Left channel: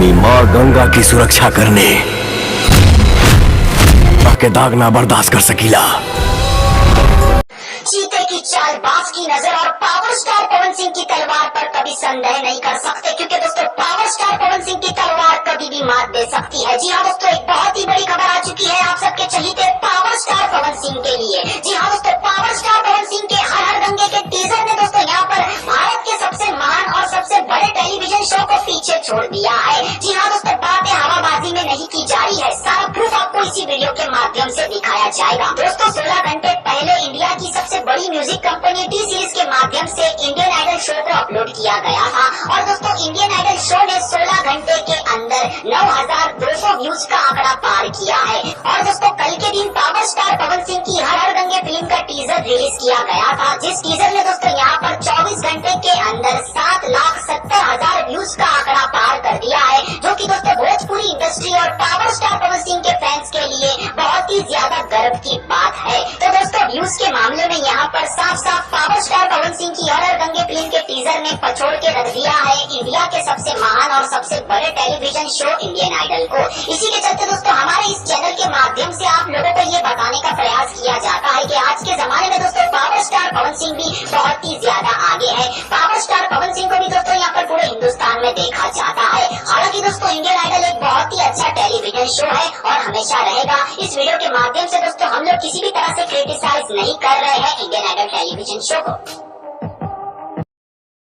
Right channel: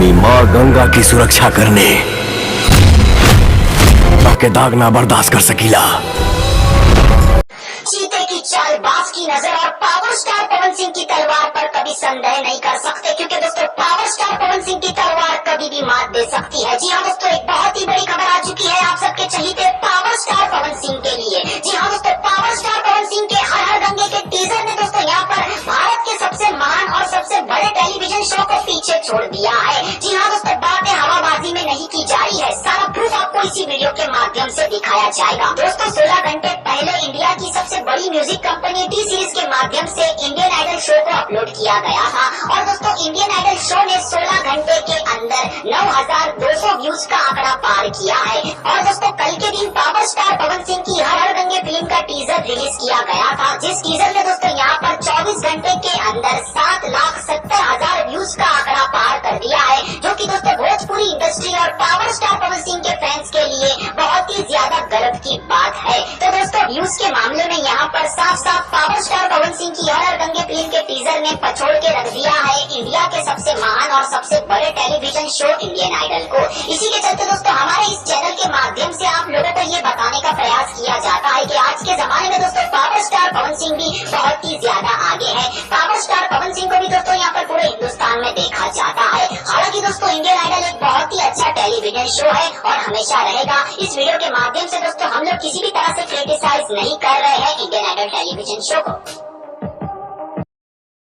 अपनी माँ गंगा की सुरक्षा करने के दाग ना बर्दाश्त कर सकीला। चीते की चाल, बाज की नजर और पावर स्टार पवन सिंह की तलवार पर कभी संदेह नहीं कर सकते, क्योंकि दोस्तों पावर स्टार पवन सिंह की तलवार कभी भी मात दे सकती है। जी हाँ दोस्तों, एक बहुत ही बड़ी खबर आ चुकी है आप सबके चहीते पावर स्टार पवन सिंह के लिए। जी हाँ दोस्तों, पावर स्टार पवन सिंह के हर हर गंगे के टीजर ने दोस्तों यहाँ पर भारत के सबसे महान और सबसे बड़े टेलीविजन शो को पीछे छोड़ दिया है। जी हाँ दोस्तों, बातें हवाबाजी में नहीं की जा रही है, सारा प्रूफ आपको इसी वीडियो के माध्यम से दिखाया जाएगा। दोस्तों 16 घंटे पहले इंडिया की सबसे बड़ी म्यूजिक कंपनी टी सीरीज के माध्यम से इंडियन आइडल शो को अपलोड किया गया था और दोस्तों इंडियन आइडल शो ने 16 घंटे के अंदर 9,200 व्यूज का आंकड़ा पार किया है। और दोस्तों कल के दिन पावर स्टार पवन सिंह की हर हर गंगे फिल्म का टीजर रिलीज किया गया था, जिस टीजर ने दोस्तों यहाँ पर 24 घंटे के अंदर 7,70,000 व्यूज का आंकड़ा पार कर दिया है, जो कि दोस्तों भोजपुरी इंडस्ट्री और पावर स्टार पवन सिंह के फैंस के लिए बहुत ही ज्यादा गर्व की बात है। तो दोस्तों व्यूज के मामले में यहाँ पर साफ साफ पावर स्टार पवन सिंह की हर हर गंगे फिल्म के टीजर ने पछोड़ के रख दिया है इंडिया के सबसे महान और सबसे बड़े टेलीविजन शो इंडियन आइडल को। इसी के चलते दोस्तों हमारे इस चैनल के माध्यम से आप लोगों को ये बताने का प्रयास किया जाता है कि आज के जमाने में दोस्तों पावर स्टार पवन सिंह भी बहुत ही ज्यादा आगे है। पावर स्टार पवन सिंह को भी दोस्तों यहाँ पर पूरे हिंदुस्तान में देखा जाता है। हालांकि दोस्तों इंडियन आइडल एक बहुत ही अच्छा टेलीविजन शो है और हमेशा रहेगा। इस वीडियो के माध्यम से दोस्तों हम लोग किसी भी तरह से क्रिटिसाइज नहीं कर रहे हैं इंडियन आइडल टेलीविजन शो को।